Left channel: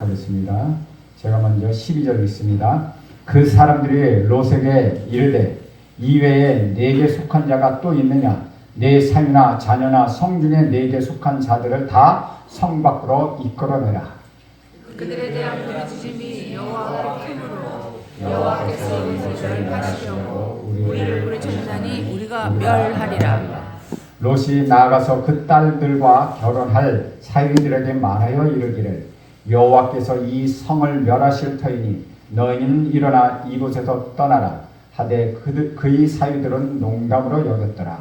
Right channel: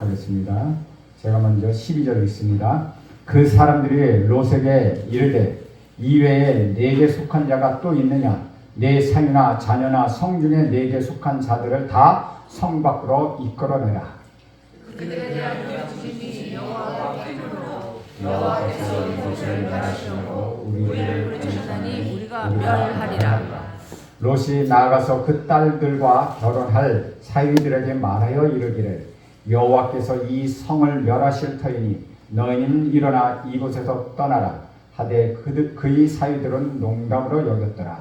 하겠습니다. 제가 먼저 12절 읽습니다. 그 사람들이 롯에게 이르되 이외에 네게 속한 자가 또 있느냐? 네 삶이나 자녀나 성 중에 네게 속한 자들을 다 성 밖으로 이끌어내라. 그들에 대한 부르짖음이 여호와의 힘으로 여호와께서 이것을 멸하시려고 우리를 부르짖으니 우리가 멸하리라. 롯이 나아가서 그 딸들과 결혼할 사위들에게 말하여 이르기를 여호와께서 이 성을 멸하실 터이니 너희는 일어나 이곳에서 떠나라 하되 그의 사위들은 농담으로 여겼더라.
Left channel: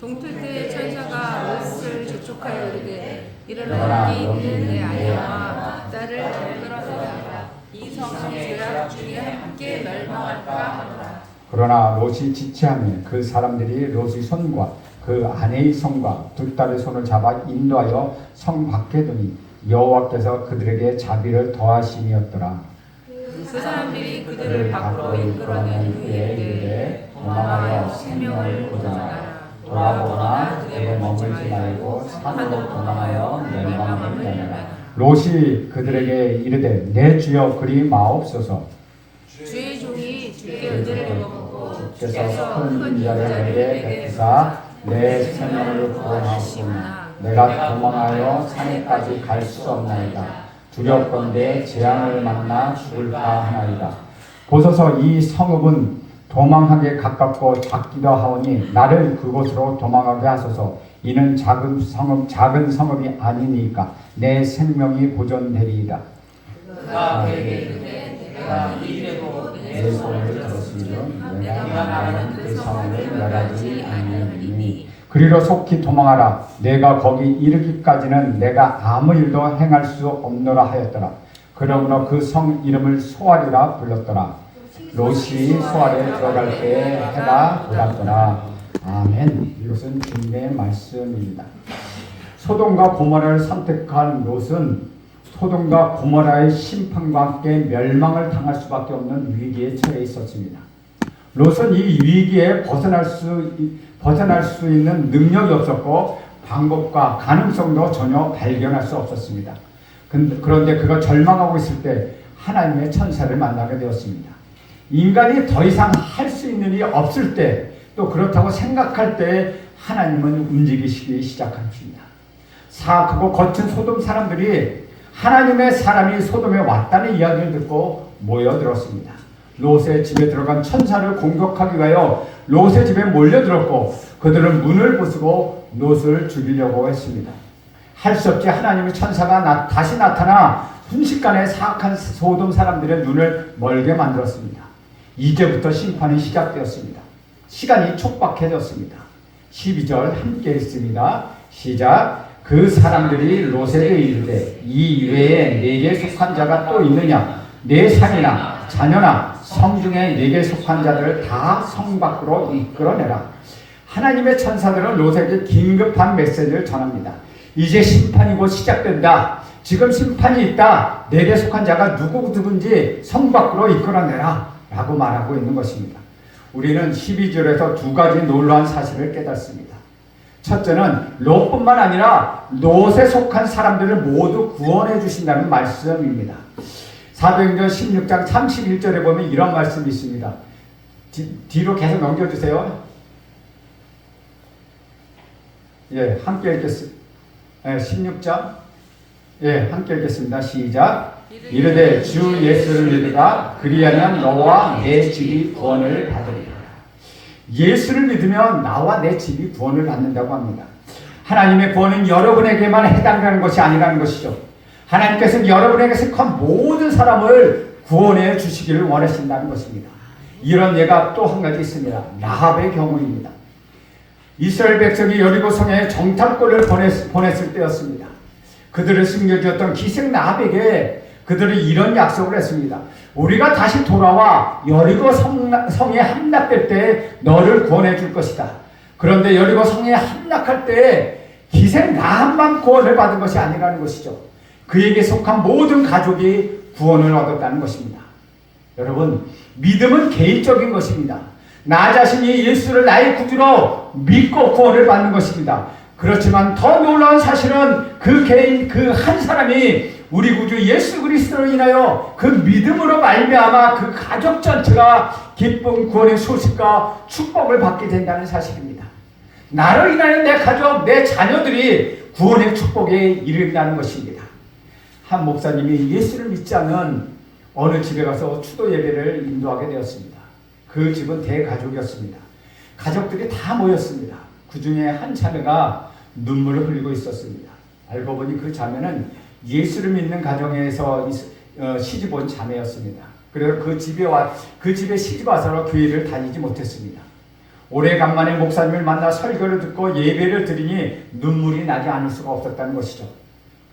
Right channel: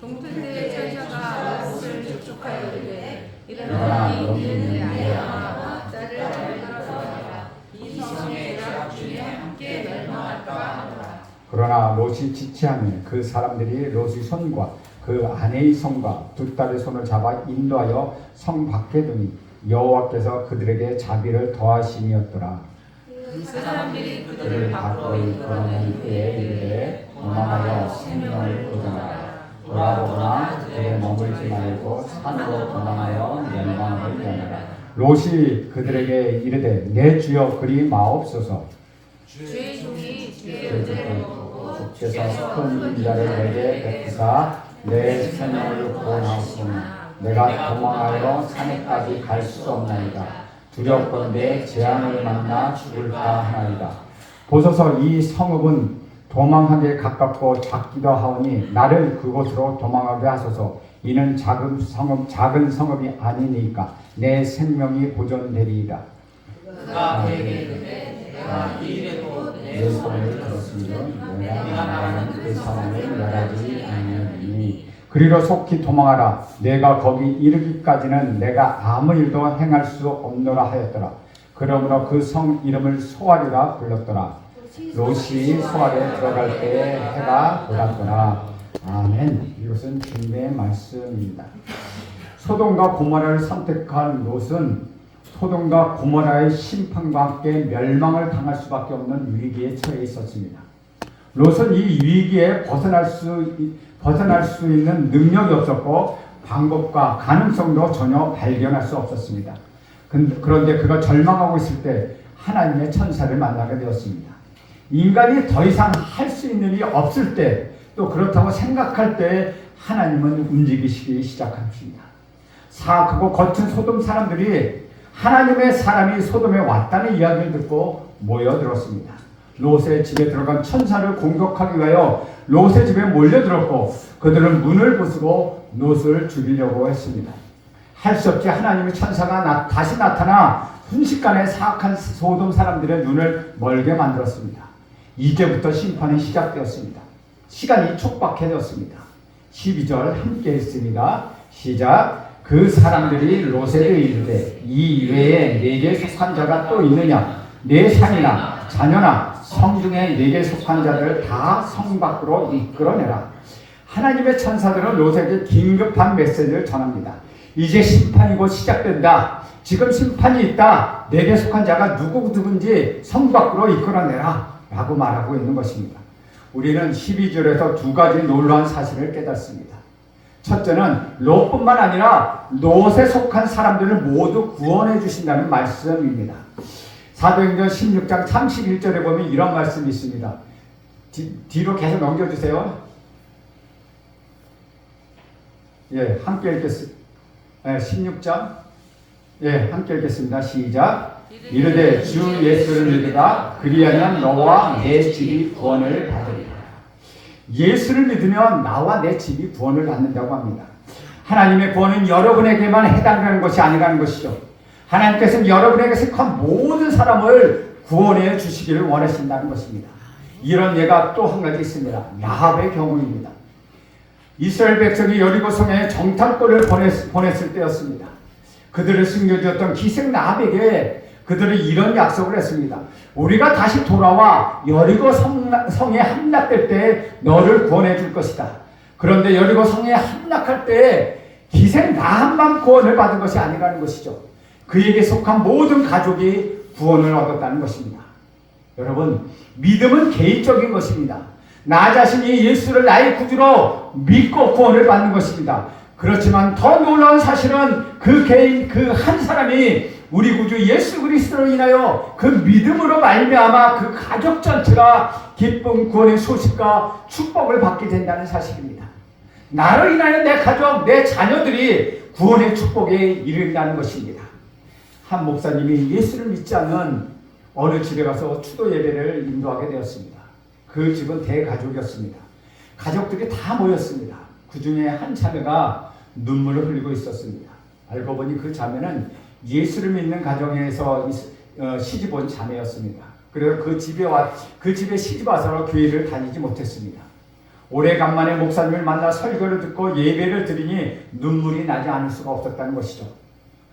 동틀 때의 천사가 롯을 접촉하여 이르되 일어나 일어나니 너희 내 내 아내와 딸을 발견하라. 이 성의 죄악 중에 함께 멸망할까 하노라. 그러나 롯이 지체하니 그 사람들이 롯의 손과 그 아내의 손과 두 딸의 손을 잡아 인도하여 성 밖에 두니 여호와께서 그들에게 자비를 더하시니었더라. 그 사람들이 그를 그들을 밖으로 밖으로 이끌어낸 후에 이르되 도망하여 생명을 구하라. 돌아오거나 그들에 머물지 말고 산으로 도망하여 멸망을 면하라. 롯이 그들에게 이르되 내 주여 그리 마옵소서. 주의 종이 주의 은혜를 먹고 주께서 큰 인자를 내게 베푸사 내 생명을 구원하옵소나. 내가 도망하여 산에까지 갈 수 없나이다. 두렵건대 재앙을 만나 죽을까 하나이다. 보소서 이 성읍은 도망하게 가깝고 작기도 하오니 나를 그곳으로 도망하게 하소서. 이는 작은 성읍이 아니니까 내 생명이 보존되리이다. 그가 그에게 이르되 내가 이 일에 내 소리를 들었으면 내가 나가는 그 성을 멸하지 아니하리니 그리로 속히 도망하라. 내가 거기 이르기까지는 내가 아무 일도 행할 수 없노라 하였더라. 그러므로 그 성 이름을 소알이라 불렀더라. 롯이 소알에 들어갈 때에 해가 돋았더라. 아멘. 이것은 주님의 말씀입니다. 소돔과 고모라를 선택한 롯은 소돔과 고모라의 심판과 함께 멸망을 당할 수밖에 없는 위기에 처해 있었습니다. 롯은 이 위기에 벗어날 수 있는 능력이 없었고 방법과 가능성도 전혀 발견할 수 없었습니다. 그런데 그가 절망하고 있을 때 하나님의 천사를 만나게 되었습니다. 인간이 더 이상 할 수 있는 일이 없을 때 또 그렇다고 생각할 때 하나님은 움직이시기 시작하십니다. 사악하고 거친 소돔 사람들이 하나님의 사람이 소돔에 왔다는 이야기를 듣고 모여들었습니다. 롯의 집에 들어간 천사를 공격하기 위하여 롯의 집에 몰려들었고 그들은 문을 부수고 롯을 죽이려고 했습니다. 할 수 없이 하나님의 천사가 다시 나타나 순식간에 사악한 소돔 사람들의 눈을 멀게 만들었습니다. 이제부터 심판이 시작되었습니다. 시간이 촉박해졌습니다. 12절 함께 읽습니다. 시작. 그 사람들이 롯에게 이르되 이 외에 네게 속한 자가 또 있느냐? 네 삶이나 자녀나 성 중에 네게 속한 자들을 다 성 밖으로 이끌어내라. 하나님의 천사들은 롯에게 긴급한 메시지를 전합니다. 이제 심판이 곧 시작된다. 지금 심판이 있다. 네게 속한 자가 누구든지 성 밖으로 이끌어내라 라고 말하고 있는 것입니다. 우리는 12절에서 두 가지 놀라운 사실을 깨닫습니다. 첫째는 롯뿐만 아니라 롯에 속한 사람들을 모두 구원해 주신다는 말씀입니다. 사도행전 16장 31절에 보면 이런 말씀이 있습니다. 뒤로 계속 넘겨주세요. 예, 함께 읽겠습니다. 16장 함께 읽겠습니다. 시작. 이르되 주 예수를 믿으라. 그리하면 너와 내 집이 구원을 받으리라. 예수를 믿으면 나와 내 집이 구원을 받는다고 합니다. 하나님의 구원은 여러분에게만 해당하는 것이 아니라는 것이죠. 하나님께서는 여러분에게 속한 모든 사람을 구원해 주시기를 원하신다는 것입니다. 이런 예가 또 한 가지 있습니다. 라합의 경우입니다. 이스라엘 백성이 여리고 성에 정탐꾼을 보냈을 때였습니다. 그들을 숨겨주었던 기생 라합에게 그들은 이런 약속을 했습니다. 우리가 다시 돌아와 여리고 성에 함락될 때 너를 구원해 줄 것이다. 그런데 여리고 성에 함락할 때 기생 라합만 구원을 받은 것이 아니라는 것이죠. 그에게 속한 모든 가족이 구원을 얻었다는 것입니다. 여러분, 믿음은 개인적인 것입니다. 나 자신이 예수를 나의 구주로 믿고 구원을 받는 것입니다. 그렇지만 더 놀라운 사실은 그 개인, 그 한 사람이 우리 구주 예수 그리스도로 인하여 그 믿음으로 말미암아 그 가족 전체가 기쁨, 구원의 소식과 축복을 받게 된다는 사실입니다. 나로 인하여 내 가족, 내 자녀들이 구원의 축복에 이른다는 것입니다. 한 목사님이 예수를 믿지 않은 어느 집에 가서 추도 예배를 인도하게 되었습니다. 그 집은 대가족이었습니다. 가족들이 다 모였습니다. 그 중에 한 자매가 눈물을 흘리고 있었습니다. 알고 보니 그 자매는 예수를 믿는 가정에서 시집 온 자매였습니다. 그래서 그 집에 시집 와서 교회를 다니지 못했습니다. 오래간만에 목사님을 만나 설교를 듣고 예배를 드리니 눈물이 나지 않을 수가 없었다는 것이죠.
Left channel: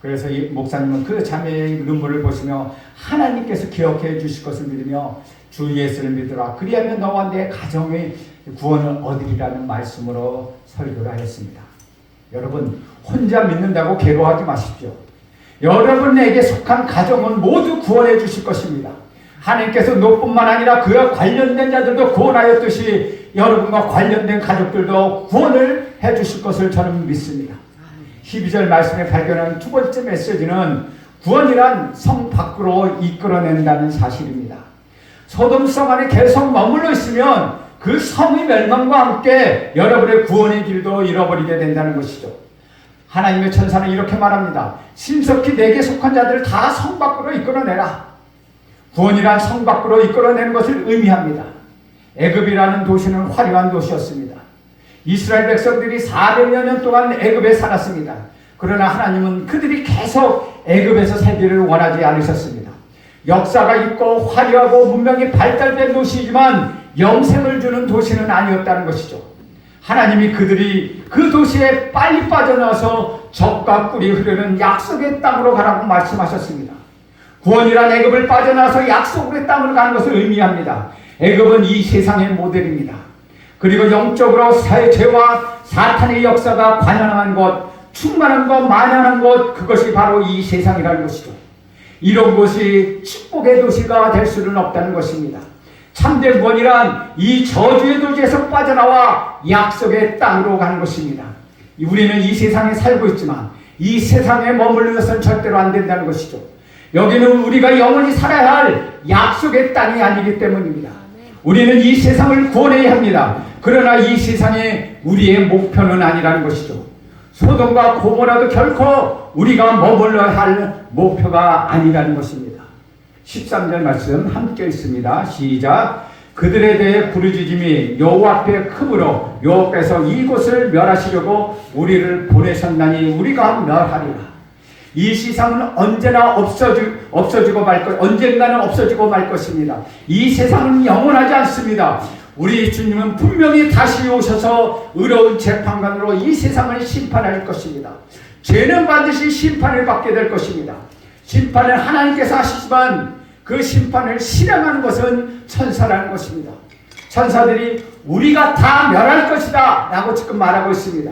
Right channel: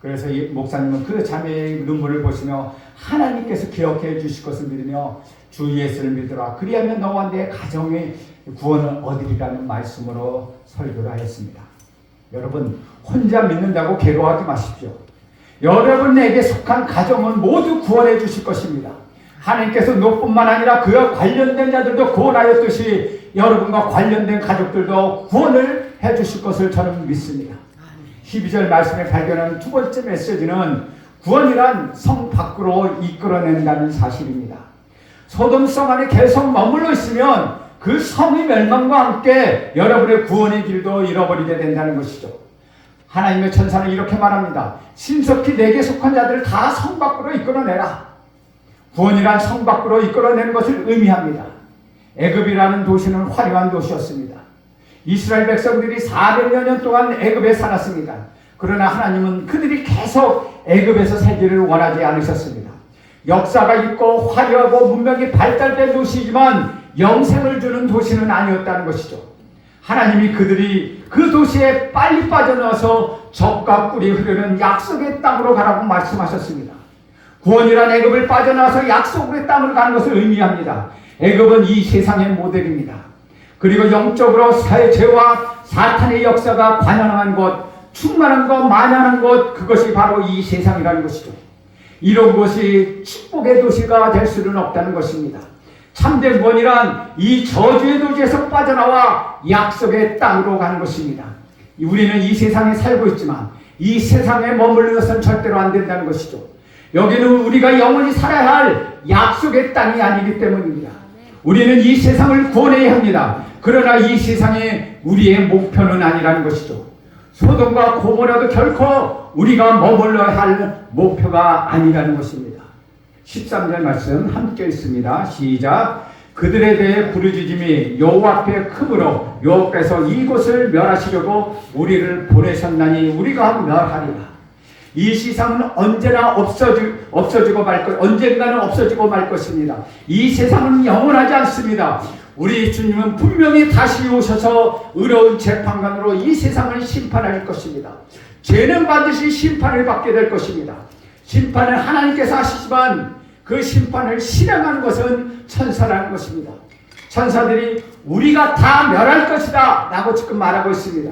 그래서 이 목사님은 그 자매의 눈물을 보시며 하나님께서 기억해 주실 것을 믿으며 주 예수를 믿으라. 그리하면 너와 내 가정의 구원을 얻으리라는 말씀으로 설교를 하였습니다. 여러분, 혼자 믿는다고 괴로워하지 마십시오. 여러분에게 속한 가정은 모두 구원해 주실 것입니다. 하나님께서 너뿐만 아니라 그와 관련된 자들도 구원하였듯이 여러분과 관련된 가족들도 구원을 해 주실 것을 저는 믿습니다. 12절 말씀에 발견한 두 번째 메시지는 구원이란 성 밖으로 이끌어낸다는 사실입니다. 소돔 성 안에 계속 머물러 있으면 그 성의 멸망과 함께 여러분의 구원의 길도 잃어버리게 된다는 것이죠. 하나님의 천사는 이렇게 말합니다. 신속히 내게 속한 자들을 다 성 밖으로 이끌어내라. 구원이란 성 밖으로 이끌어내는 것을 의미합니다. 애굽이라는 도시는 화려한 도시였습니다. 이스라엘 백성들이 400여 년 동안 애굽에 살았습니다. 그러나 하나님은 그들이 계속 애굽에서 살기를 원하지 않으셨습니다. 역사가 있고 화려하고 문명이 발달된 도시이지만 영생을 주는 도시는 아니었다는 것이죠. 하나님이 그들이 그 도시에 빨리 빠져나와서 젖과 꿀이 흐르는 약속의 땅으로 가라고 말씀하셨습니다. 구원이란 애굽을 빠져나와서 약속의 땅으로 가는 것을 의미합니다. 애굽은 이 세상의 모델입니다. 그리고 영적으로 죄와 사탄의 역사가 관영한 것, 충만한 것, 만연한 것, 그것이 바로 이 세상이라는 것이죠. 이런 것이 축복의 도시가 될 수는 없다는 것입니다. 참된 구원이란 이 저주의 도시에서 빠져나와 약속의 땅으로 가는 것입니다. 우리는 이 세상에 살고 있지만 이 세상에 머무르는 것은 절대로 안 된다는 것이죠. 여기는 우리가 영원히 살아야 할 약속의 땅이 아니기 때문입니다. 우리는 이 세상을 구원해야 합니다. 그러나 이 세상에 우리의 목표는 아니라는 것이죠. 소돔과 고모라도 결코 우리가 머물러야 할 목표가 아니라는 것입니다. 13절 말씀 함께 있습니다. 시작. 그들에 대해 부르짖음이 여호와 앞에 크므로 여호와께서 이곳을 멸하시려고 우리를 보내셨나니 우리가 멸하리라. 이 세상은 언제나 없어지고 말 것, 언젠가는 없어지고 말 것입니다. 이 세상은 영원하지 않습니다. 우리 주님은 분명히 다시 오셔서 의로운 재판관으로 이 세상을 심판할 것입니다. 죄는 반드시 심판을 받게 될 것입니다. 심판은 하나님께서 하시지만 그 심판을 실행하는 것은 천사라는 것입니다. 천사들이 우리가 다 멸할 것이다 라고 지금 말하고 있습니다.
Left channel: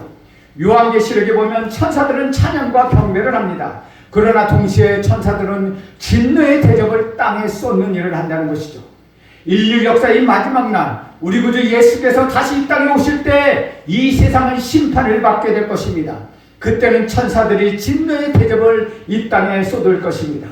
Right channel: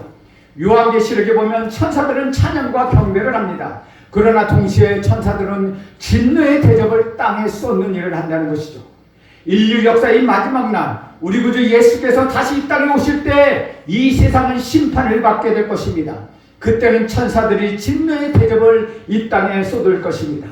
요한계시록에 보면 천사들은 찬양과 경배를 합니다. 그러나 동시에 천사들은 진노의 대접을 땅에 쏟는 일을 한다는 것이죠. 인류 역사의 마지막 날 우리 구주 예수께서 다시 이 땅에 오실 때 이 세상은 심판을 받게 될 것입니다. 그때는 천사들이 진노의 대접을 이 땅에 쏟을 것입니다.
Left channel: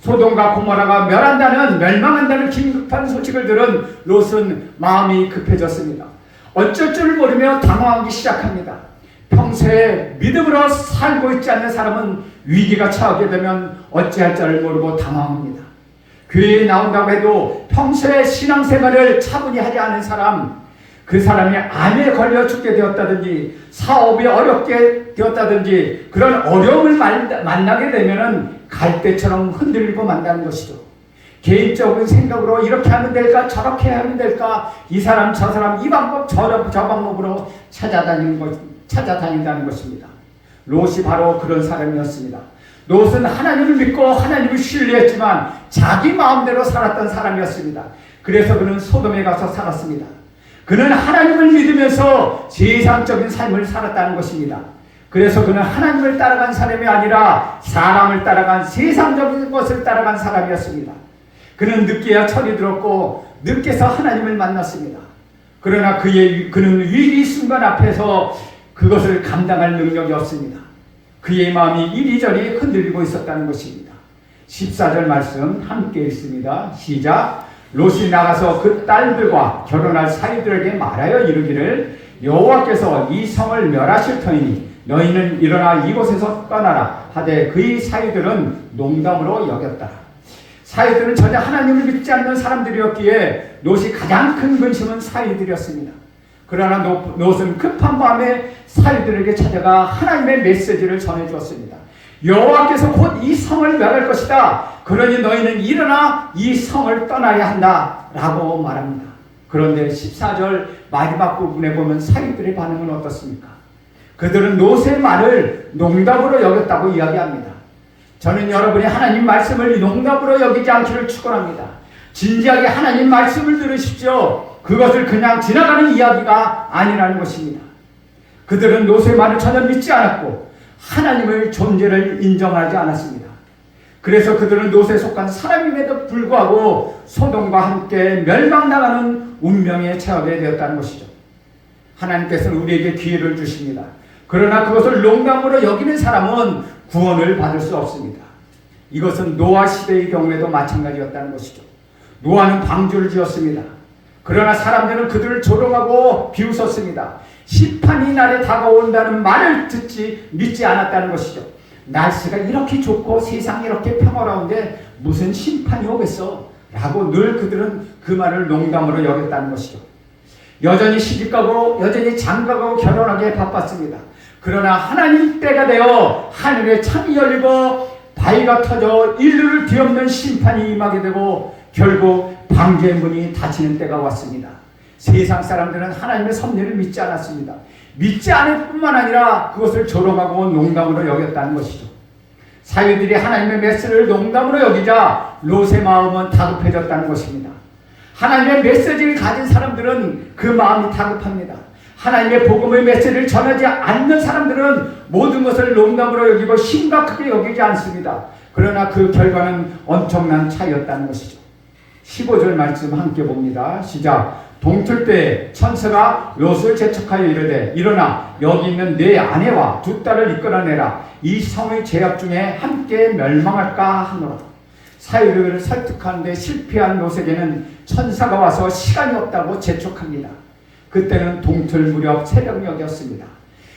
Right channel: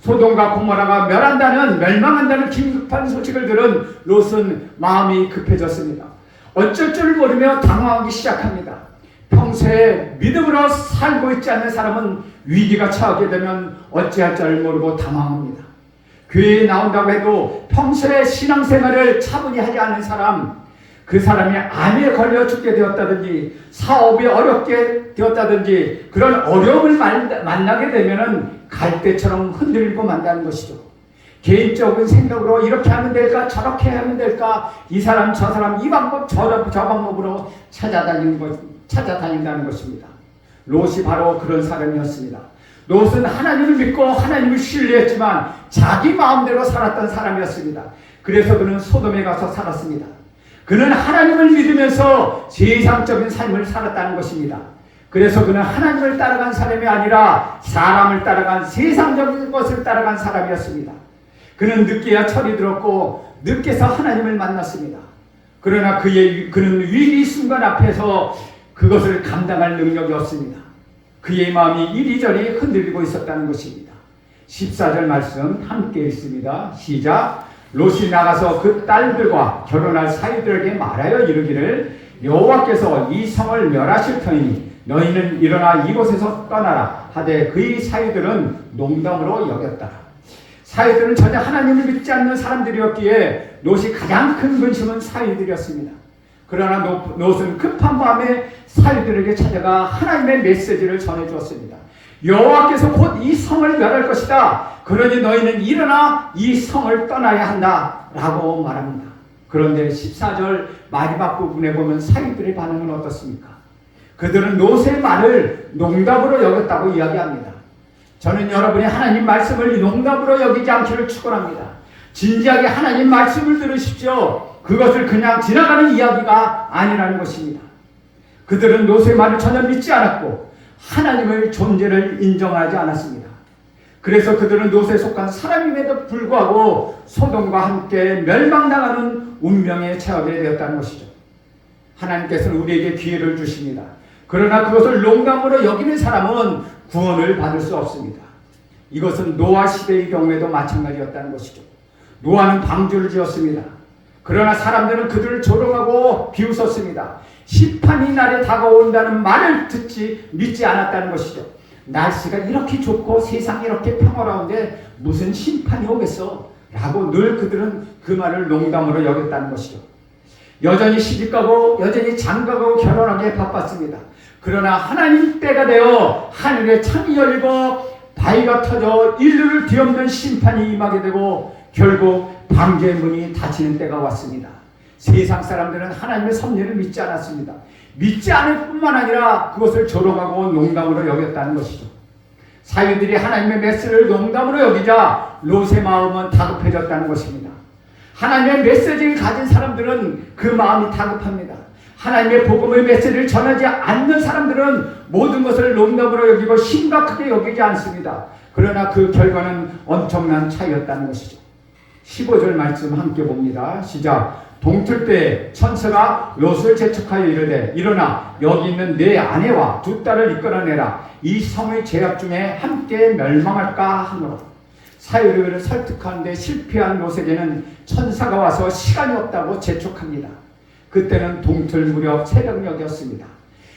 소돔과 고모라가 멸망한다는 긴급한 소식을 들은 롯은 마음이 급해졌습니다. 어쩔 줄 모르며 당황하기 시작합니다. 평소에 믿음으로 살고 있지 않는 사람은 위기가 처하게 되면 어찌할 줄 모르고 당황합니다. 교회에 나온다고 해도 평소에 신앙생활을 차분히 하지 않은 사람, 그 사람이 암에 걸려 죽게 되었다든지 사업이 어렵게 되었다든지 그런 어려움을 만나게 되면 갈대처럼 흔들리고 만다는 것이죠. 개인적인 생각으로 이렇게 하면 될까 저렇게 하면 될까 이 사람 저 사람 이 방법 저 방법으로 찾아다닌다는 것입니다. 롯이 바로 그런 사람이었습니다. 롯은 하나님을 믿고 하나님을 신뢰했지만 자기 마음대로 살았던 사람이었습니다. 그래서 그는 소돔에 가서 살았습니다. 그는 하나님을 믿으면서 세상적인 삶을 살았다는 것입니다. 그래서 그는 하나님을 따라간 사람이 아니라 사람을 따라간 세상적인 것을 따라간 사람이었습니다. 그는 늦게야 철이 들었고 늦게서 하나님을 만났습니다. 그러나 그는 위기 순간 앞에서 그것을 감당할 능력이 없습니다. 그의 마음이 이리저리 흔들리고 있었다는 것입니다. 14절 말씀 함께 읽습니다. 시작. 롯이 나가서 그 딸들과 결혼할 사이들에게 말하여 이르기를 여호와께서 이 성을 멸하실 터이니 너희는 일어나 이곳에서 떠나라 하되 그의 사이들은 농담으로 여겼다. 사이들은 전혀 하나님을 믿지 않는 사람들이었기에 롯이 가장 큰 근심은 사이들이었습니다. 그러나 롯은 급한 마음에 사이들에게 찾아가 하나님의 메시지를 전해주었습니다. 여호와께서 곧 이 성을 멸할 것이다. 그러니 너희는 일어나 이 성을 떠나야 한다 라고 말합니다. 그런데 14절 마지막 부분에 보면 사이들의 반응은 어떻습니까? 그들은 롯의 말을 농담으로 여겼다고 이야기합니다. 저는 여러분이 하나님 말씀을 농담으로 여기지 않기를 축원합니다. 진지하게 하나님 말씀을 들으십시오. 그것을 그냥 지나가는 이야기가 아니라는 것입니다. 그들은 롯의 말을 전혀 믿지 않았고 하나님의 존재를 인정하지 않았습니다. 그래서 그들은 롯에 속한 사람임에도 불구하고 소돔과 함께 멸망당하는 운명에 처하게 되었다는 것이죠. 하나님께서는 우리에게 기회를 주십니다. 그러나 그것을 농담으로 여기는 사람은 구원을 받을 수 없습니다. 이것은 노아 시대의 경우에도 마찬가지였다는 것이죠. 노아는 방주를 지었습니다. 그러나 사람들은 그들을 조롱하고 비웃었습니다. 심판이 날에 다가온다는 말을 믿지 않았다는 것이죠. 날씨가 이렇게 좋고 세상이 이렇게 평화로운데 무슨 심판이 오겠어? 라고 늘 그들은 그 말을 농담으로 여겼다는 것이죠. 여전히 시집가고 여전히 장가가고 결혼하기에 바빴습니다. 그러나 하나님 때가 되어 하늘에 창이 열리고 바위가 터져 인류를 뒤엎는 심판이 임하게 되고 결국 방주의 문이 닫히는 때가 왔습니다. 세상 사람들은 하나님의 섭리를 믿지 않았습니다. 믿지 않을 뿐만 아니라 그것을 조롱하고 농담으로 여겼다는 것이죠. 사회들이 하나님의 메시지를 농담으로 여기자 롯의 마음은 다급해졌다는 것입니다. 하나님의 메시지를 가진 사람들은 그 마음이 다급합니다. 하나님의 복음의 메시지를 전하지 않는 사람들은 모든 것을 농담으로 여기고 심각하게 여기지 않습니다. 그러나 그 결과는 엄청난 차이였다는 것이죠. 15절 말씀 함께 봅니다. 시작. 동틀 때에 천사가 롯을 재촉하여 이르되 일어나 여기 있는 내 아내와 두 딸을 이끌어내라. 이 성의 죄악 중에 함께 멸망할까 하노라. 사유를 설득하는데 실패한 롯에게는 천사가 와서 시간이 없다고 재촉합니다. 그때는 동틀 무렵 새벽녘이었습니다.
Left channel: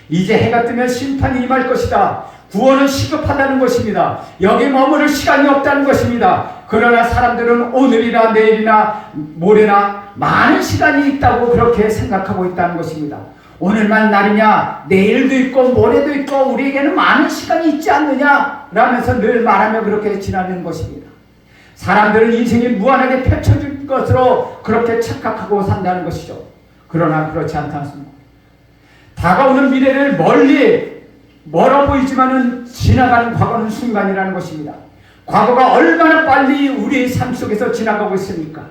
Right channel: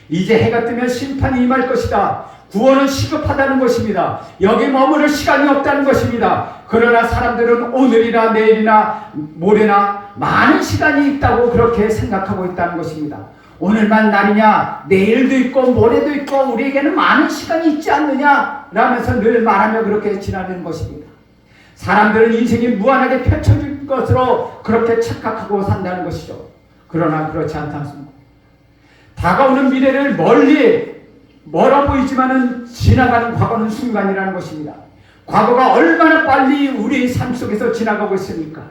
이제 해가 뜨면 심판이 임할 것이다. 구원은 시급하다는 것입니다. 여기 머무를 시간이 없다는 것입니다. 그러나 사람들은 오늘이나 내일이나 모레나 많은 시간이 있다고 그렇게 생각하고 있다는 것입니다. 오늘만 날이냐, 내일도 있고 모레도 있고 우리에게는 많은 시간이 있지 않느냐 라면서 늘 말하며 그렇게 지나는 것입니다. 사람들은 인생이 무한하게 펼쳐질 것으로 그렇게 착각하고 산다는 것이죠. 그러나 그렇지 않습니다. 다가오는 미래를 멀어 보이지만은 지나가는 과거는 순간이라는 것입니다. 과거가 얼마나 빨리 우리의 삶 속에서 지나가고 있습니까?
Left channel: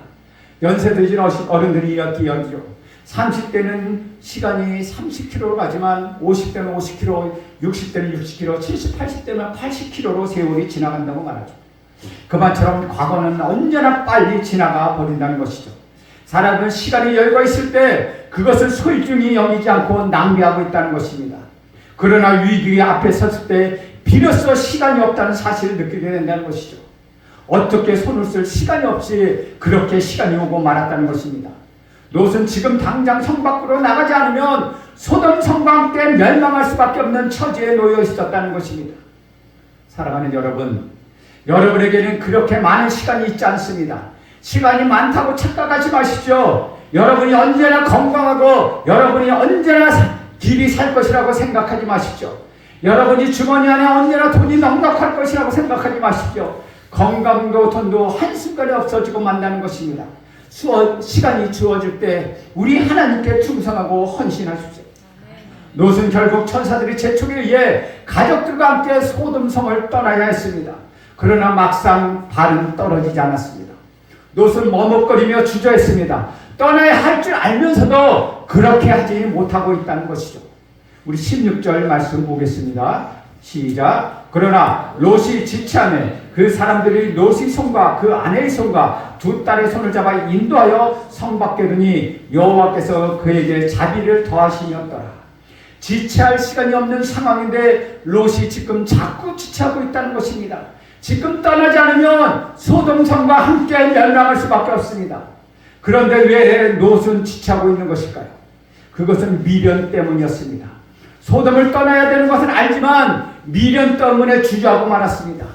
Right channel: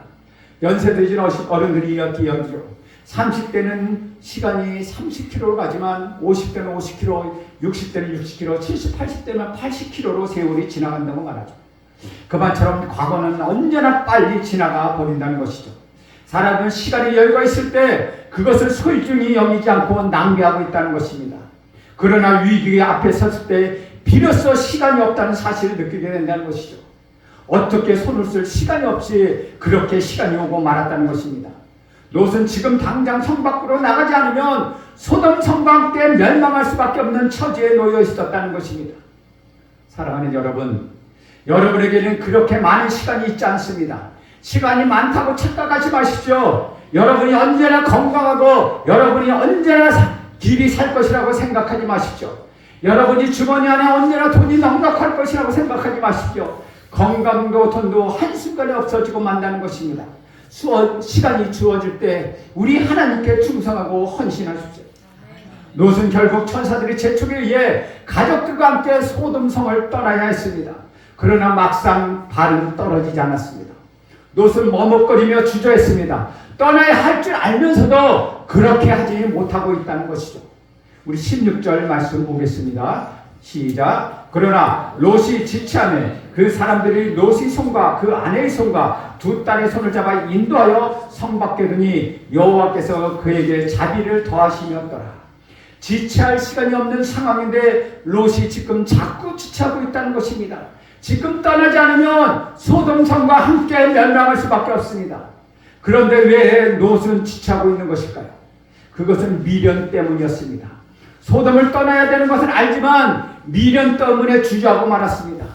연세 드신 어른들이 이렇게 이야기죠. 30대는 시간이 30km로 가지만 50대는 50km, 60대는 60km, 70, 80대는 80km로 세월이 지나간다고 말하죠. 그만처럼 과거는 언제나 빨리 지나가 버린다는 것이죠. 사람은 시간이 여유가 있을 때 그것을 소중히 여기지 않고 낭비하고 있다는 것입니다. 그러나 위기 앞에 섰을 때 비로소 시간이 없다는 사실을 느끼게 된다는 것이죠. 어떻게 손을 쓸 시간이 없이 그렇게 시간이 오고 말았다는 것입니다. 롯은 지금 당장 성 밖으로 나가지 않으면 소돔 성과 함께 멸망할 수밖에 없는 처지에 놓여 있었다는 것입니다. 사랑하는 여러분, 여러분에게는 그렇게 많은 시간이 있지 않습니다. 시간이 많다고 착각하지 마십시오. 여러분이 언제나 건강하고 여러분이 언제나 길이 살 것이라고 생각하지 마십시오. 여러분이 주머니 안에 언제나 돈이 넉넉할 것이라고 생각하지 마십시오. 건강도 돈도 한순간에 없어지고 만다는 것입니다. 시간이 주어질 때 우리 하나님께 충성하고 헌신하십시오. 롯은 결국 천사들이 재촉에 의해 가족들과 함께 소돔성을 떠나야 했습니다. 그러나 막상 발은 떨어지지 않았습니다. 롯은 머뭇거리며 주저했습니다. 떠나야 할 줄 알면서도 그렇게 하지 못하고 있다는 것이죠. 우리 16절 말씀 보겠습니다. 시작. 그러나 롯이 지체하며 그 사람들이 롯의 손과 그 아내의 손과 두 딸의 손을 잡아 인도하여 성 밖에 두니 여호와께서 그에게 자비를 더하시었더라. 지체할 시간이 없는 상황인데 롯이 지금 자꾸 지체하고 있다는 것입니다. 지금 떠나지 않으면 소돔성과 함께 멸망할 수밖에 없습니다. 그런데 왜 롯은 지체하고 있는 것일까요? 그것은 미련 때문이었습니다. 소돔을 떠나야 되는 것은 알지만 미련 때문에 주저하고 말았습니다.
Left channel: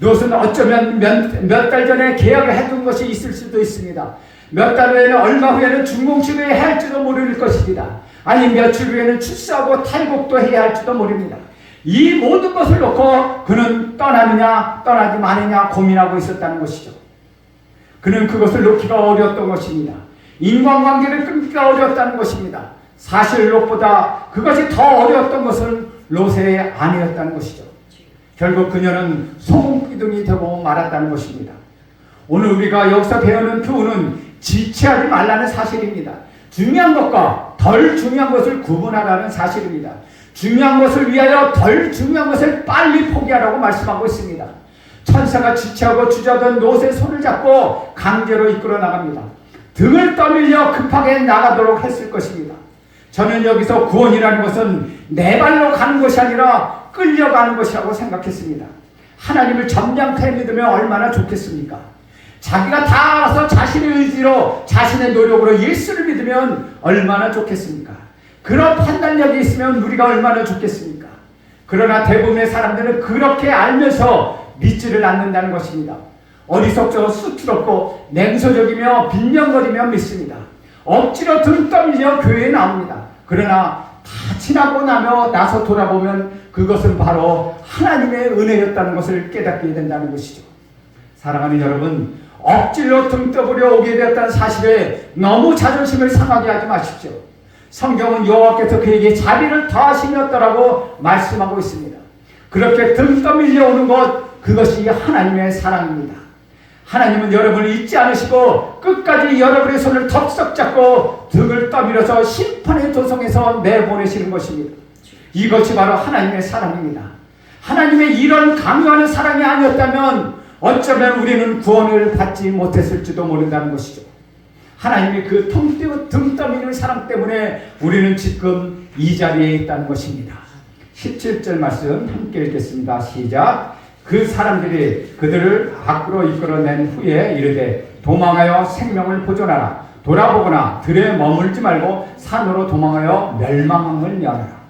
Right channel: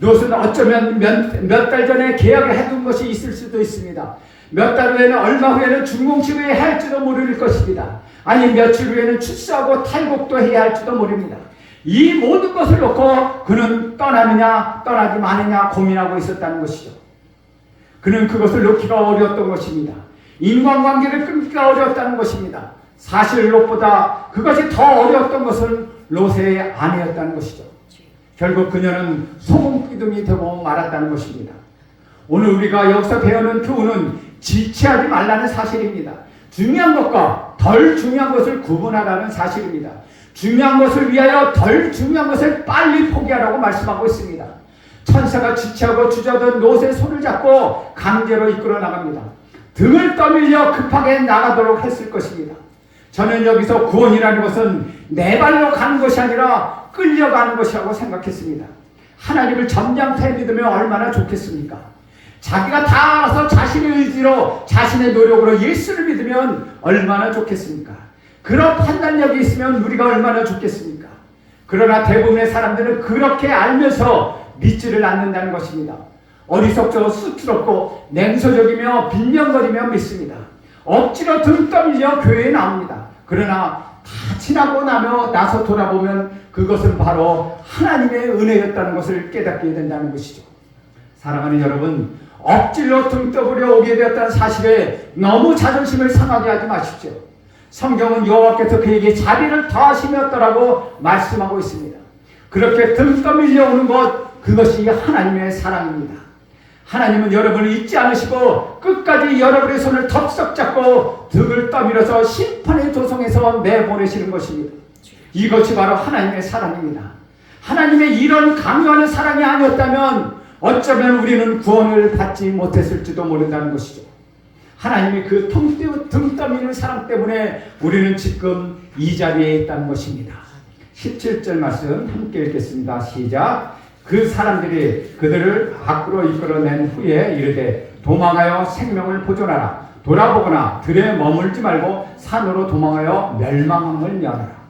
롯은 어쩌면 몇 달 전에 계약을 해둔 것이 있을 수도 있습니다. 몇 달 후에는 얼마 후에는 중공식을 해야 할지도 모를 것입니다. 아니 며칠 후에는 출사하고 탈곡도 해야 할지도 모릅니다. 이 모든 것을 놓고 그는 떠나느냐 떠나지 마느냐 고민하고 있었다는 것이죠. 그는 그것을 놓기가 어려웠던 것입니다. 인간관계를 끊기가 어려웠다는 것입니다. 사실 롯보다 그것이 더 어려웠던 것은 롯의 아내였다는 것이죠. 결국 그녀는 소금기둥이 되고 말았다는 것입니다. 오늘 우리가 여기서 배우는 교훈은 지체하지 말라는 사실입니다. 중요한 것과 덜 중요한 것을 구분하라는 사실입니다. 중요한 것을 위하여 덜 중요한 것을 빨리 포기하라고 말씀하고 있습니다. 천사가 지체하고 주저하던 롯의 손을 잡고 강제로 이끌어 나갑니다. 등을 떠밀려 급하게 나가도록 했을 것입니다. 저는 여기서 구원이라는 것은 내 발로 가는 것이 아니라 끌려가는 것이라고 생각했습니다. 하나님을 점잖게 믿으면 얼마나 좋겠습니까? 자기가 다 알아서 자신의 의지로 자신의 노력으로 예수를 믿으면 얼마나 좋겠습니까? 그런 판단력이 있으면 우리가 얼마나 좋겠습니까? 그러나 대부분의 사람들은 그렇게 알면서 믿지를 않는다는 것입니다. 어리석고 수치롭고 냉소적이며 빈정거리며 믿습니다. 억지로 등 떠밀려 교회에 나옵니다. 그러나 다 지나고 나서 돌아보면 그것은 바로 하나님의 은혜였다는 것을 깨닫게 된다는 것이죠. 사랑하는 여러분, 억지로 등 떠밀려 오게 되었다는 사실에 너무 자존심을 상하게 하지 마십시오. 성경은 여호와께서 그에게 자비를 더하시었다라고 말씀하고 있습니다. 그렇게 등 떠밀려 오는 것, 그것이 하나님의 사랑입니다. 하나님은 여러분을 잊지 않으시고 끝까지 여러분의 손을 덥석 잡고 등을 떠밀어서 심판의 도성에서 내보내시는 것입니다. 이것이 바로 하나님의 사랑입니다. 하나님의 이런 강요하는 사랑이 아니었다면 어쩌면 우리는 구원을 받지 못했을지도 모른다는 것이죠. 하나님의 그 등 떠미는 사랑 때문에 우리는 지금 이 자리에 있다는 것입니다. 17절 말씀 함께 읽겠습니다. 시작. 그 사람들이 그들을 밖으로 이끌어낸 후에 이르되 도망하여 생명을 보존하라. 돌아보거나 들에 머물지 말고 산으로 도망하여 멸망을 면하라.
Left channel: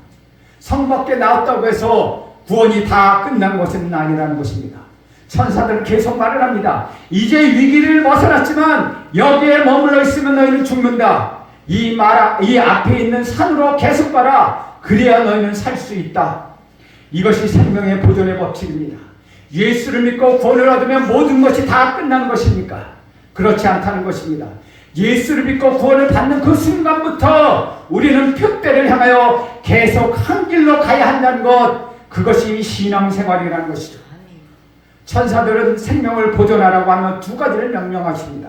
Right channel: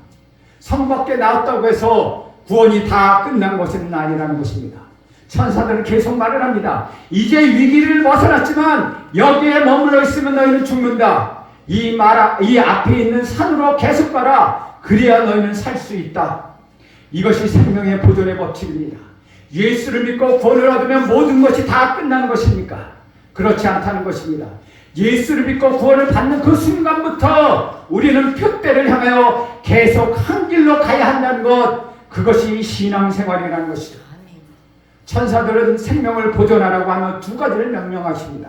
성 밖에 나왔다고 해서 구원이 다 끝난 것은 아니라는 것입니다. 천사들은 계속 말을 합니다. 이제 위기를 벗어났지만 여기에 머물러 있으면 너희는 죽는다. 이 앞에 있는 산으로 계속 가라. 그래야 너희는 살 수 있다. 이것이 생명의 보존의 법칙입니다. 예수를 믿고 구원을 얻으면 모든 것이 다 끝나는 것입니까? 그렇지 않다는 것입니다. 예수를 믿고 구원을 받는 그 순간부터 우리는 표대를 향하여 계속 한 길로 가야 한다는 것, 그것이 신앙생활이라는 것이죠. 천사들은 생명을 보존하라고 하며 두 가지를 명령하십니다.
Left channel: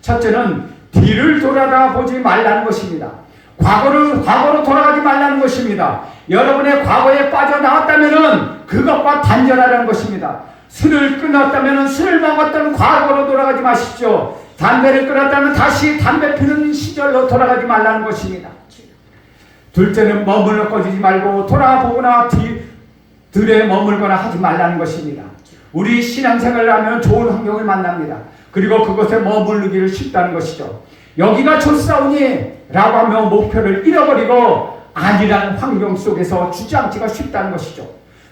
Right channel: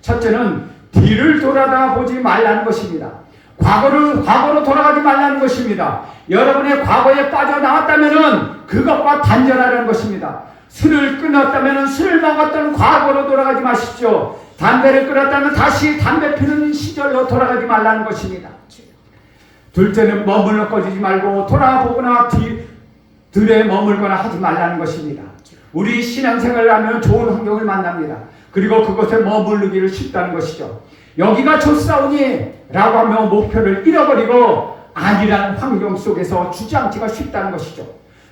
첫째는 뒤를 돌아보지 말라는 것입니다. 과거로 돌아가지 말라는 것입니다. 여러분의 과거에 빠져나왔다면 그것과 단절하라는 것입니다. 술을 끊었다면 술을 먹었던 과거로 돌아가지 마십시오. 담배를 끊었다면 다시 담배 피는 시절로 돌아가지 말라는 것입니다. 둘째는 머물러 꺼지지 말고 돌아보거나 들에 머물거나 하지 말라는 것입니다. 우리 신앙생활을 하면 좋은 환경을 만납니다. 그리고 그곳에 머무르기를 쉽다는 것이죠. 여기가 좋사오니 라고 하며 목표를 잃어버리고 아니란 환경 속에서 주저앉기가 쉽다는 것이죠.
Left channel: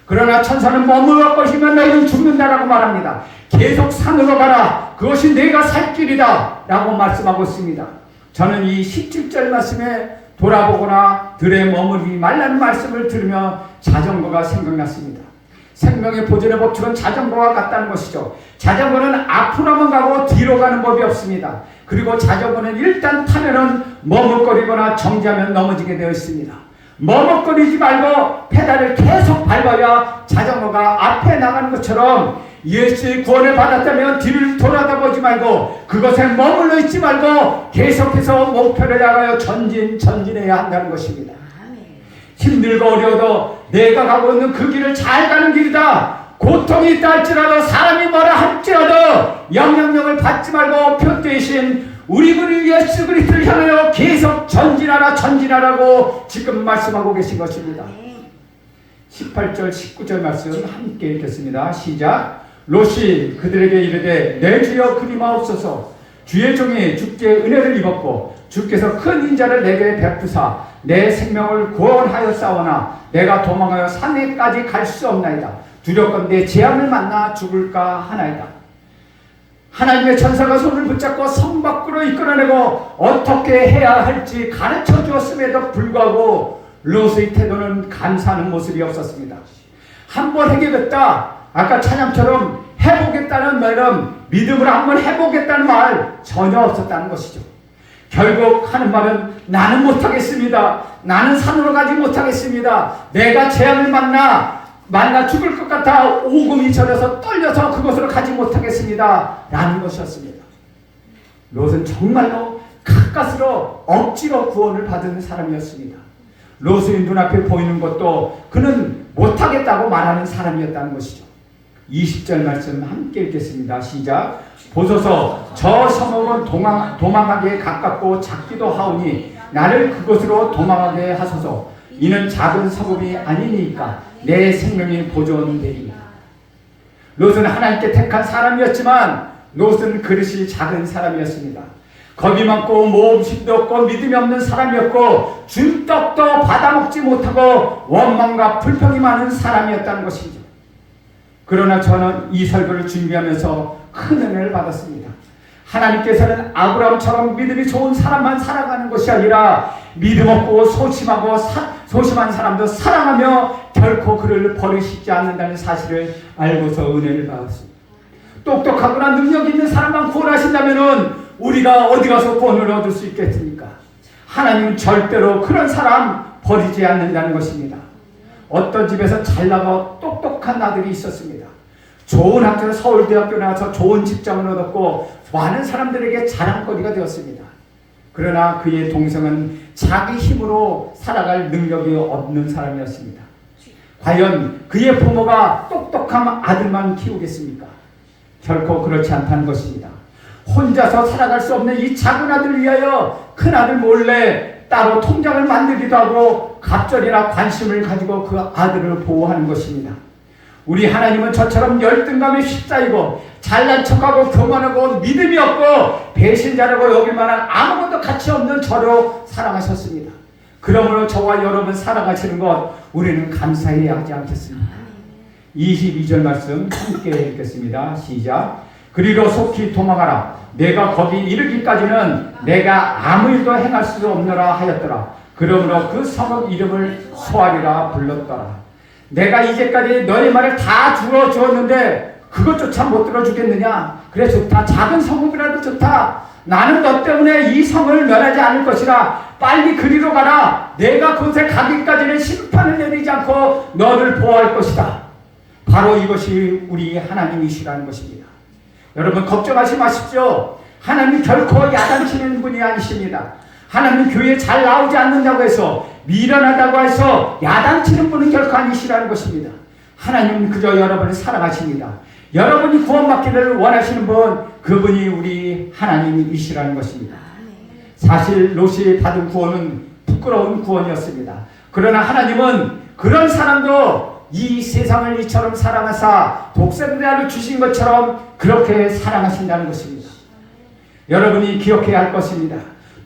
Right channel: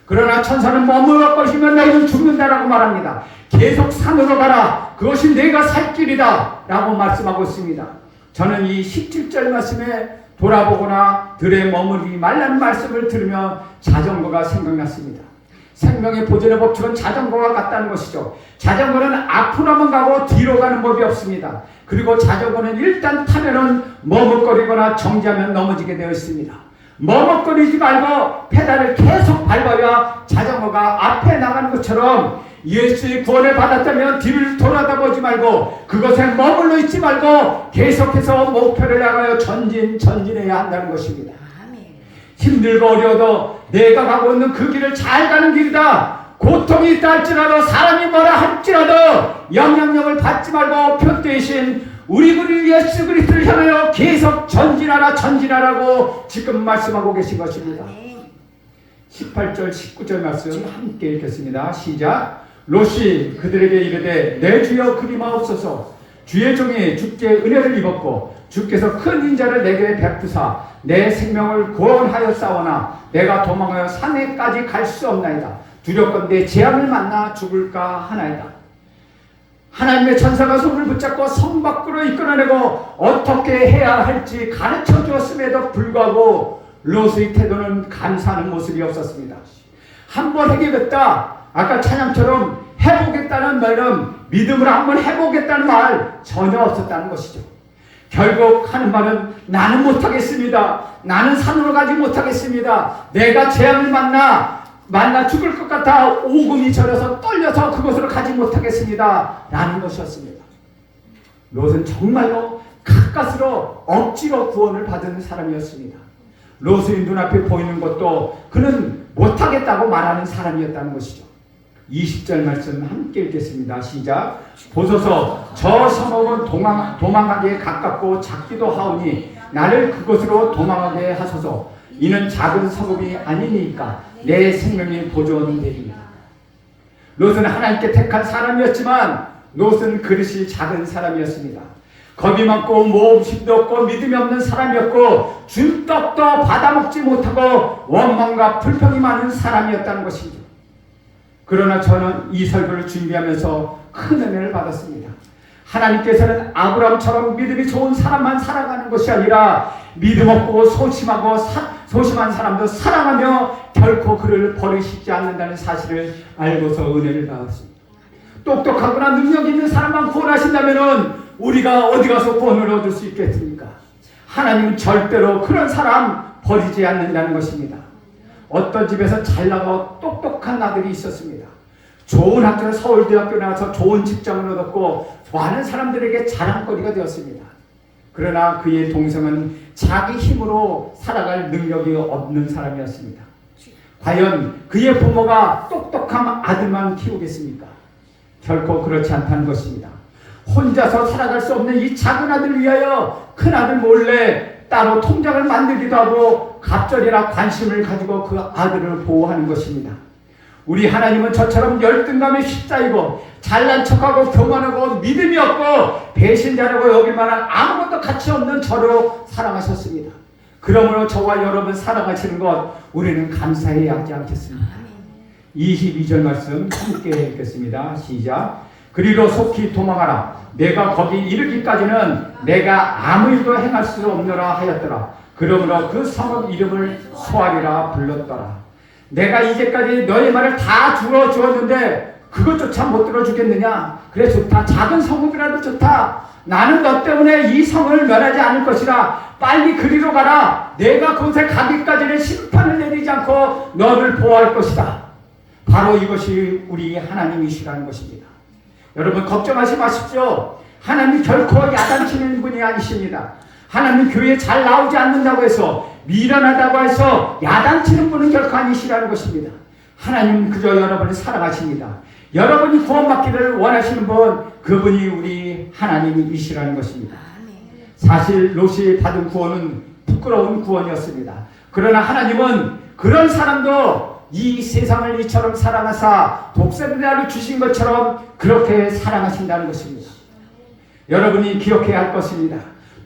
그러나 천사는 머물러 것이면 너희는 죽는다라고 말합니다. 계속 산으로 가라. 그것이 내가 살 길이다 라고 말씀하고 있습니다. 저는 이 17절 말씀에 돌아보거나 들에 머무르지 말라는 말씀을 들으며 자전거가 생각났습니다. 생명의 보존의 법칙은 자전거와 같다는 것이죠. 자전거는 앞으로만 가고 뒤로 가는 법이 없습니다. 그리고 자전거는 일단 타면은 머뭇거리거나 정지하면 넘어지게 되어 있습니다. 머뭇거리지 말고 페달을 계속 밟아야 자전거가 앞에 나가는 것처럼 예수의 구원을 받았다면 뒤를 돌아다보지 말고 그것에 머물러 있지 말고 계속해서 목표를 향하여 전진해야 한다는 것입니다. 힘들고 어려워도 내가 가고 있는 그 길을 잘 가는 길이다. 고통이 있다 할지라도 사람이 뭐라 할지라도 영향력을 받지 말고 표대이신 우리 그 예수 그리스도를 향하여 계속 전진하라고 지금 말씀하고 계신 것입니다. 18절 19절 말씀 함께 읽겠습니다. 시작. 롯이 그들에게 이르되 내 주여 그리마옵소서. 주의 종이 주께 은혜를 입었고 주께서 큰 인자를 내게 베푸사 내 생명을 구원하였사오나 내가 도망하여 산에까지 갈 수 없나이다. 두렵건대 재앙을 만나 죽을까 하나이다. 하나님의 천사가 손을 붙잡고 성 밖으로 이끌어내고 어떻게 해야 할지 가르쳐 주었음에도 불구하고 롯의 태도는 감사하는 모습이 없었습니다. 한번 해결했다. 아까 찬양처럼 해보겠다는 말은 믿음으로 한번 해보겠다는 말 전혀 없었다는 것이죠. 결국 하는 말은 나는 못하겠습니다. 나는 산으로 가지 못하겠습니다. 내가 재앙을 만나 죽을 것 같아 오금이 저려서 떨려서 그곳으로 가지 못하겠습니다. 라는 것이었습니다. 롯은 정말로 가까스로 억지로 구원을 받은 사람이었습니다. 롯의 눈앞에 보이는 것도 그는 못하겠다고 말하는 사람이었다는 것이죠. 20절 말씀 함께 읽겠습니다. 시작. 보소서 저 성읍은 도망하기에 가깝고 작기도 하오니 나를 그곳으로 도망하게 하소서. 이는 작은 성읍이 아니니까 내 생명이 보존되리라. 롯은 하나님께 택한 사람이었지만 롯은 그릇이 작은 사람이었습니다. 겁이 많고 모험심도 없고 믿음이 없는 사람이었고 준 떡도 받아먹지 못하고 원망과 불평이 많은 사람이었다는 것이죠. 그러나 저는 이 설교를 준비하면서 큰 은혜를 받았습니다. 하나님께서는 아브라함처럼 믿음이 좋은 사람만 살아가는 것이 아니라 믿음 없고 소심한 사람도 사랑하며 결코 그를 버리시지 않는다는 사실을 알고서 은혜를 받았습니다. 똑똑하거나 능력 있는 사람만 구원하신다면 우리가 어디 가서 구원을 얻을 수 있겠습니까? 하나님은 절대로 그런 사람 버리지 않는다는 것입니다. 어떤 집에서 잘나고 똑똑한 아들이 있었습니다. 좋은 학교를 서울대학교 나와서 좋은 직장을 얻었고 많은 사람들에게 자랑거리가 되었습니다. 그러나 그의 동생은 자기 힘으로 살아갈 능력이 없는 사람이었습니다. 과연 그의 부모가 똑똑한 아들만 키우겠습니까? 결코 그렇지 않다는 것입니다. 혼자서 살아갈 수 없는 이 작은 아들을 위하여 큰 아들 몰래 따로 통장을 만들기도 하고 갑절이나 관심을 가지고 그 아들을 보호하는 것입니다. 우리 하나님은 저처럼 열등감에 휩싸이고 잘난 척하고 교만하고 믿음이 없고 배신자라고 여길 만한 아무것도 가치 없는 저를 사랑하셨습니다. 그러므로 저와 여러분 사랑하시는 것 우리는 감사해야 하지 않겠습니까? 22절 말씀 함께 읽겠습니다. 시작. 그리로 속히 도망하라. 내가 거기 이르기까지는 내가 아무 일도 행할 수 없느라 하였더라. 그러므로 그 성읍 이름을 소알이라 불렀더라. 내가 이제까지 너의 말을 다 들어주었는데 그것조차 못 들어주겠느냐? 그래 좋다. 작은 성읍이라도 좋다. 나는 너 때문에 이 성을 멸하지 않을 것이라. 빨리 그리로 가라. 내가 그곳에 가기까지는 심판을 내리지 않고 너를 보호할 것이다. 바로 이것이 우리 하나님이시라는 것입니다. 여러분 걱정하지 마십시오. 하나님 결코 야단치는 분이 아니십니다. 하나님 교회에 잘 나오지 않는다고 해서 미련하다고 해서 야단치는 분은 결코 아니시라는 것입니다. 하나님은 그저 여러분을 사랑하십니다. 여러분이 구원받기를 원하시는 분 그분이 우리 하나님이시라는 것입니다. 사실 롯이 받은 구원은 부끄러운 구원이었습니다. 그러나 하나님은 그런 사람도 이 세상을 이처럼 사랑하사 독생자를 주신 것처럼 그렇게 사랑하신다는 것입니다. 여러분이 기억해야 할 것입니다.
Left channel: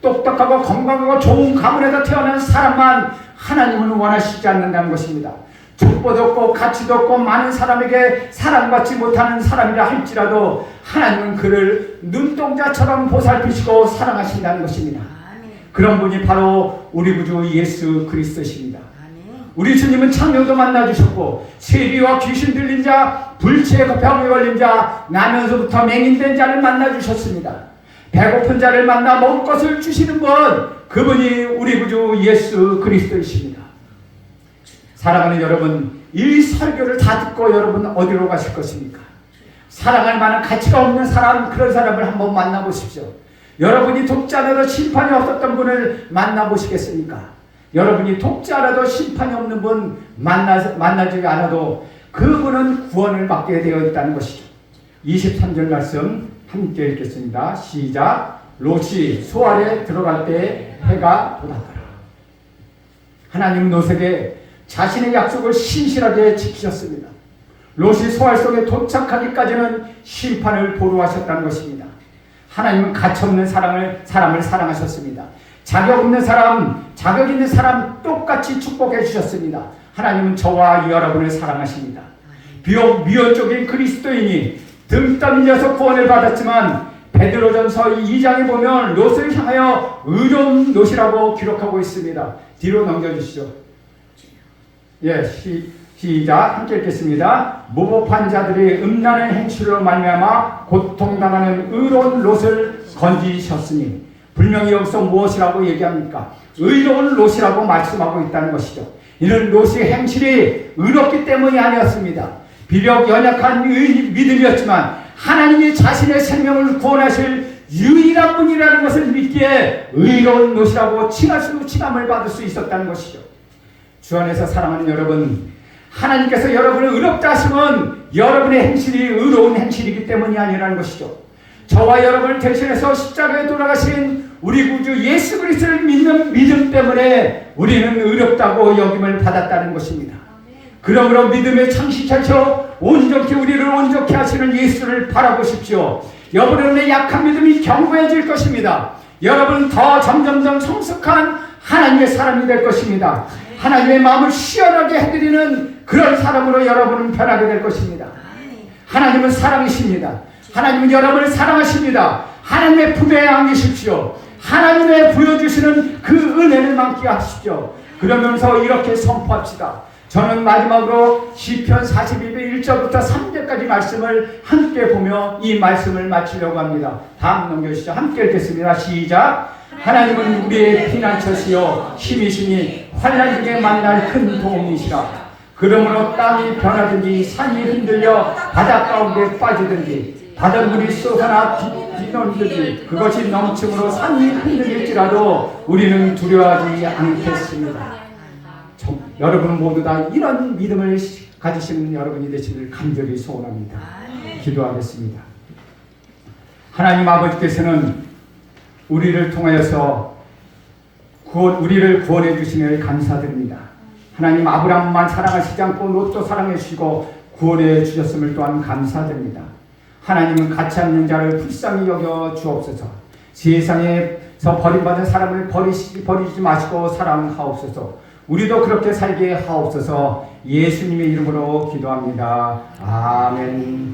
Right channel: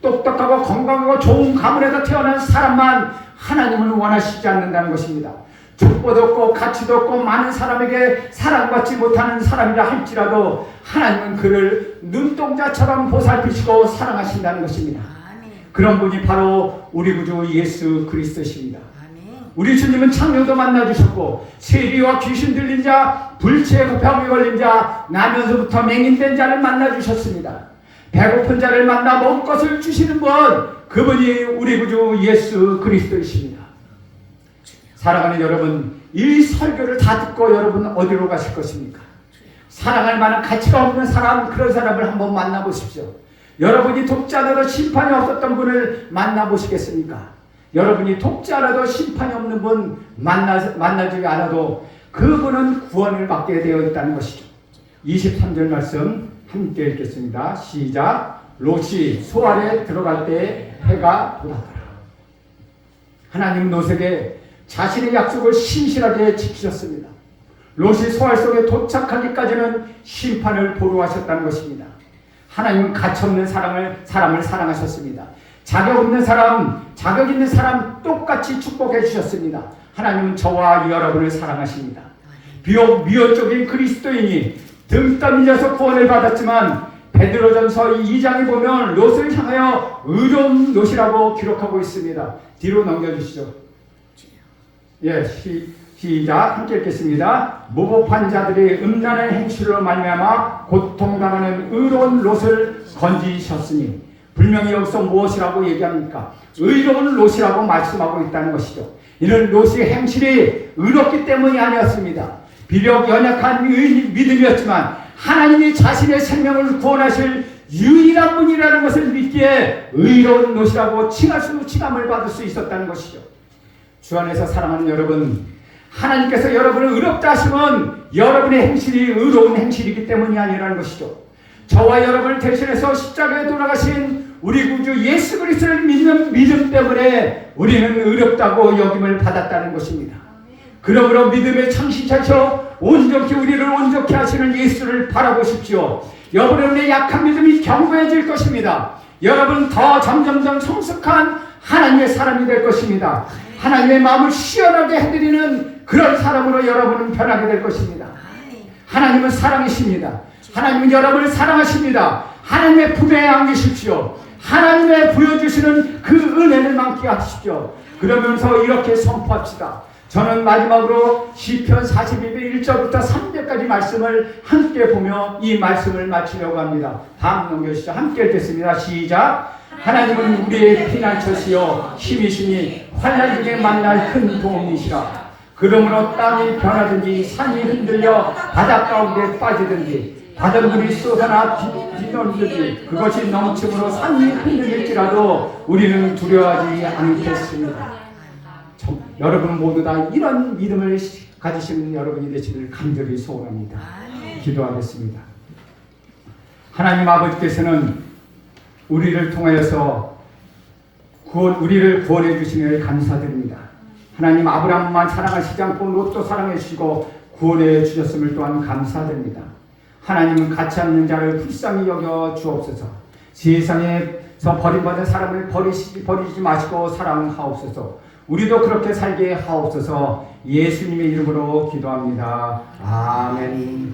똑똑하고 건강하고 좋은 가문에서 태어난 사람만 하나님은 원하시지 않는다는 것입니다. 족보도 없고 가치도 없고 많은 사람에게 사랑받지 못하는 사람이라 할지라도 하나님은 그를 눈동자처럼 보살피시고 사랑하신다는 것입니다. 그런 분이 바로 우리 구주 예수 그리스도십니다. 우리 주님은 창녀도 만나주셨고 세리와 귀신 들린 자, 불치에 병에 걸린 자, 나면서부터 맹인된 자를 만나주셨습니다. 배고픈 자를 만나 먹을 것을 주시는 분 그분이 우리 구주 예수 그리스도이십니다. 사랑하는 여러분, 이 설교를 다 듣고 여러분 어디로 가실 것입니까? 사랑할 만한 가치가 없는 사람, 그런 사람을 한번 만나보십시오. 여러분이 독자라도 심판이 없었던 분을 만나보시겠습니까? 여러분이 독자라도 심판이 없는 분 만나지 않아도 그분은 구원을 받게 되어 있다는 것이죠. 23절 말씀 함께 읽겠습니다. 시작. 롯이 소알에 들어갈 때 해가 돋았더라. 하나님은 롯에게 자신의 약속을 신실하게 지키셨습니다. 롯이 소알 속에 도착하기까지는 심판을 보루하셨다는 것입니다. 하나님은 가치없는 사람을 사랑하셨습니다. 자격 있는 사람 똑같이 축복해 주셨습니다. 하나님은 저와 여러분을 사랑하십니다. 비록 미언족인 그리스도인이 등 떠밀려서 구원을 받았지만 베드로전서 2장에 보면 롯을 향하여 의로운 롯이라고 기록하고 있습니다. 뒤로 넘겨주시죠. 예, 시작 함께 읽겠습니다. 무법한 자들이 음란의 행실로 말미암아 고통당하는 의로운 롯을 건지셨으니 분명히 여기서 무엇이라고 얘기합니까? 의로운 롯이라고 말씀하고 있다는 것이죠. 이는 롯의 행실이 의롭기 때문이 아니었습니다. 비록 연약한 믿음이었지만 하나님이 자신의 생명을 구원하실 유일한 분이라는 것을 믿기에 의로운 롯이라고 칭함을 받을 수 있었다는 것이죠. 주 안에서 사랑하는 여러분, 하나님께서 여러분을 의롭다 하시면 여러분의 행실이 의로운 행실이기 때문이 아니라는 것이죠. 저와 여러분을 대신해서 십자가에 돌아가신 우리 구주 예수 그리스도를 믿는 믿음 때문에 우리는 의롭다고 여김을 받았다는 것입니다. 그러므로 믿음의 창시자셔 우리를 온전케 하시는 예수를 바라보십시오. 여러분의 약한 믿음이 견고해질 것입니다. 여러분은 점점 더 성숙한 하나님의 사람이 될 것입니다. 하나님의 마음을 시원하게 해드리는 그런 사람으로 여러분은 변하게 될 것입니다. 하나님은 사랑이십니다. 하나님은 여러분을 사랑하십니다. 하나님의 품에 안기십시오. 하나님의 부여주시는 그 은혜를 만끽 하십시오. 그러면서 이렇게 선포합시다. 저는 마지막으로 시편 42편 1절부터 3절까지 말씀을 함께 보며 이 말씀을 마치려고 합니다. 다음 넘겨주시죠. 함께 읽겠습니다. 시작. 하나님은 우리의 피난처시여 힘이시니 환난 중에 만날 큰 도움이시라. 그러므로 땅이 변하든지 산이 흔들려 바닷 가운데 빠지든지 바닷물이 쏟아나 뒤넘든지 그것이 넘침으로 산이 흔들릴지라도 우리는 두려워하지 않겠습니다. 여러분 모두 다 이런 믿음을 가지시는 여러분이 되시길 간절히 소원합니다. 기도하겠습니다. 하나님 아버지께서는 우리를 통하여서 우리를 구원해 주시며 감사드립니다. 하나님 아브라함만 사랑하시지 않고 롯도 사랑해 주시고 구원해 주셨음을 또한 감사드립니다. 하나님은 가치 없는 자를 불쌍히 여겨 주옵소서. 세상에서 버림받은 사람을 버리지 마시고 사랑하옵소서. 우리도 그렇게 살게 하옵소서. 예수님의 이름으로 기도합니다. 아멘.